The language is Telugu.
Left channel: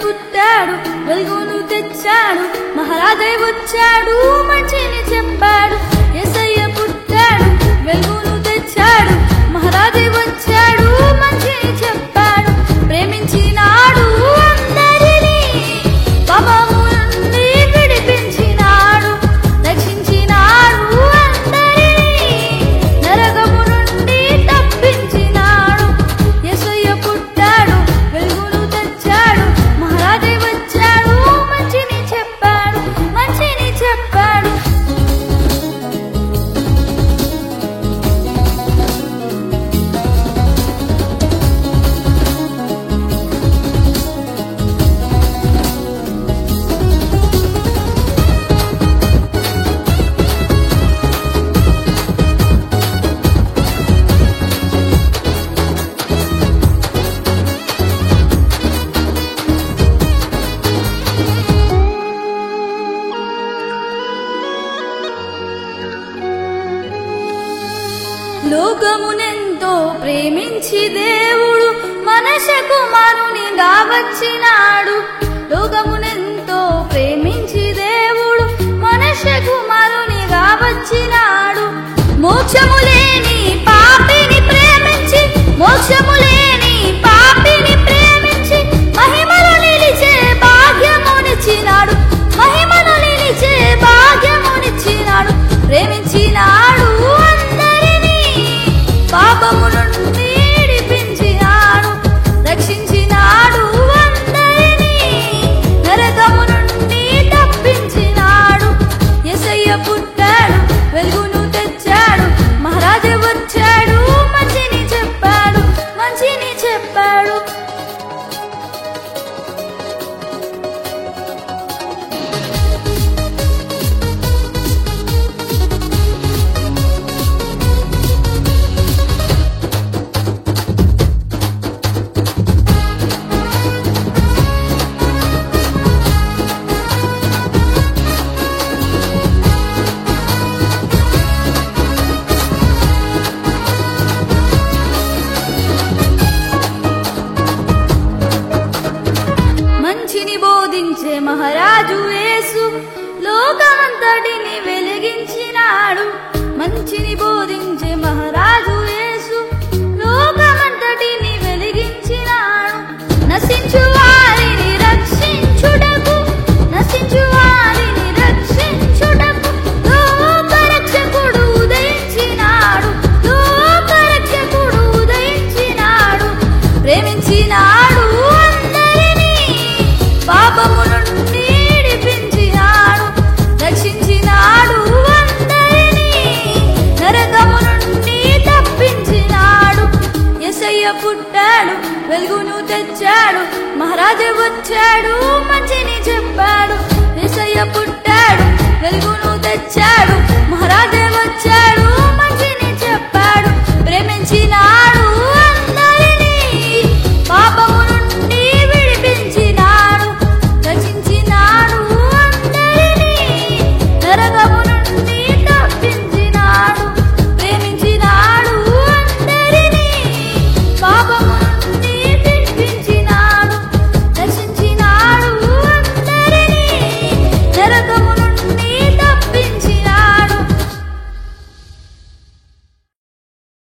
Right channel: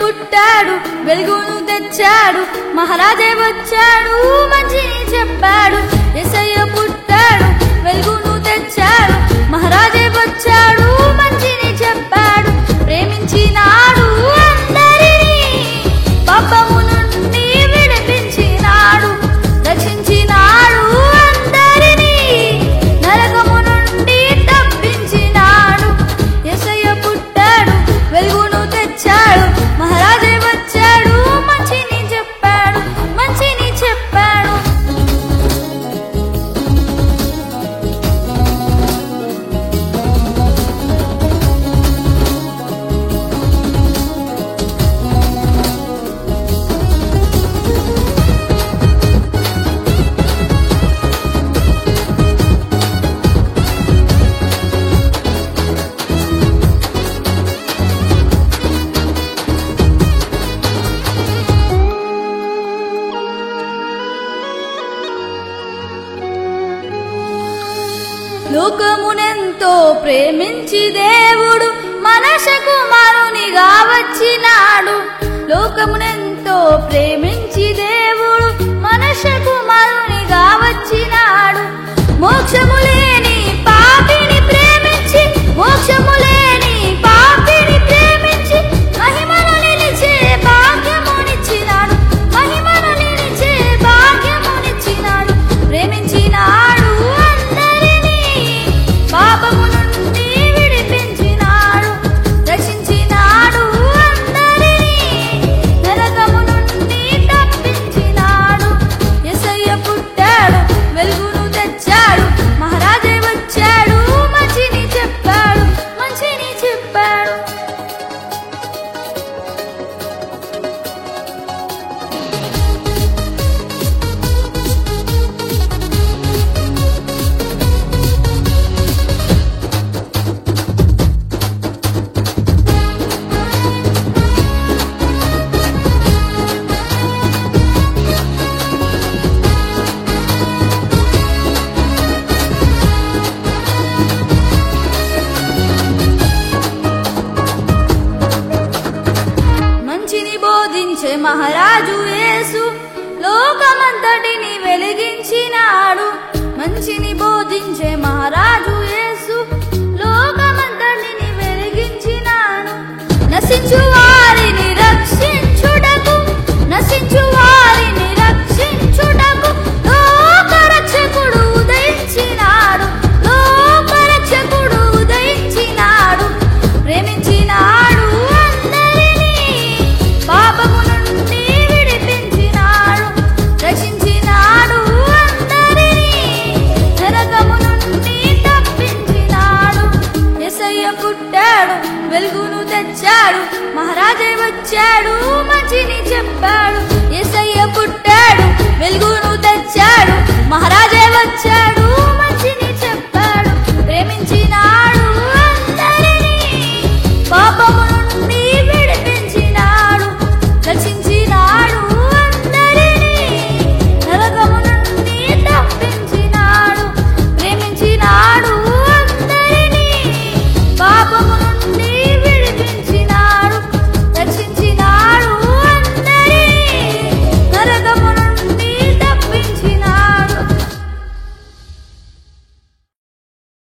పుట్టాడు వెలుగును తెచ్చాడు మహారాజే వచ్చాడు మంచిని చెప్పాడు యేసయ్య పుట్టాడు వెలుగును తెచ్చాడు మహారాజే వచ్చాడు మంచిని చెప్పాడు ప్రేమించినాడు అందరినీ పాపము నుండి విడిపించినాడు రక్షించినాడు అందరినీ నరకము నుండి తప్పించినాడు యేసయ్య పుట్టాడు వెలుగును తెచ్చాడు మహారాజే వచ్చాడు మంచిని చెప్పాడు మంచిని చెప్పాడు లోకమునెంతో ప్రేమించి దేవుడు మనుష్య కుమారునిగా వచ్చినాడు లోకమునెంతో ప్రేమించి దేవుడు మనుష్య కుమారునిగా వచ్చినాడు మోక్షము లేని పాపిని ప్రేమించి మోక్షము లేని పాపిని ప్రేమించి మహిమను నిలిచే భాగ్యమునిచ్చినాడు మహిమను నిలిచే భాగ్యమునిచ్చినాడు ప్రేమించినాడు పాపము నుండి విడిపించినాడు రక్షించినాడు అందరినీ నరకము నుండి తప్పించినాడు యేసయ్య పుట్టాడు వెలుగును తెచ్చాడు మహారాజే వచ్చాడు మంచిని చెప్పాడు మంచిని చెప్పాడు మంచిని బోధించే మహారాజు యేసు లోకమంతటిని వెలిగించినాడు మంచిని బోధించే మహారాజు యేసు లోకమంతటిని వెలిగించినాడు నశించు వారిని రక్షించుటకు నశించు వారిని రక్షించుటకు లోకరక్షకుడు ఉదయించినాడు లోకరక్షకుడు ఉదయించినాడు ప్రేమించినాడు అందరినీ పాపము నుండి విడిపించినాడు రక్షించినాడు అందరినీ నరకము నుండి తప్పించినాడు యేసయ్య పుట్టాడు వెలుగును తెచ్చాడు మహారాజే వచ్చాడు మంచిని చెప్పాడు యేసయ్య పుట్టాడు వెలుగును తెచ్చాడు మహారాజే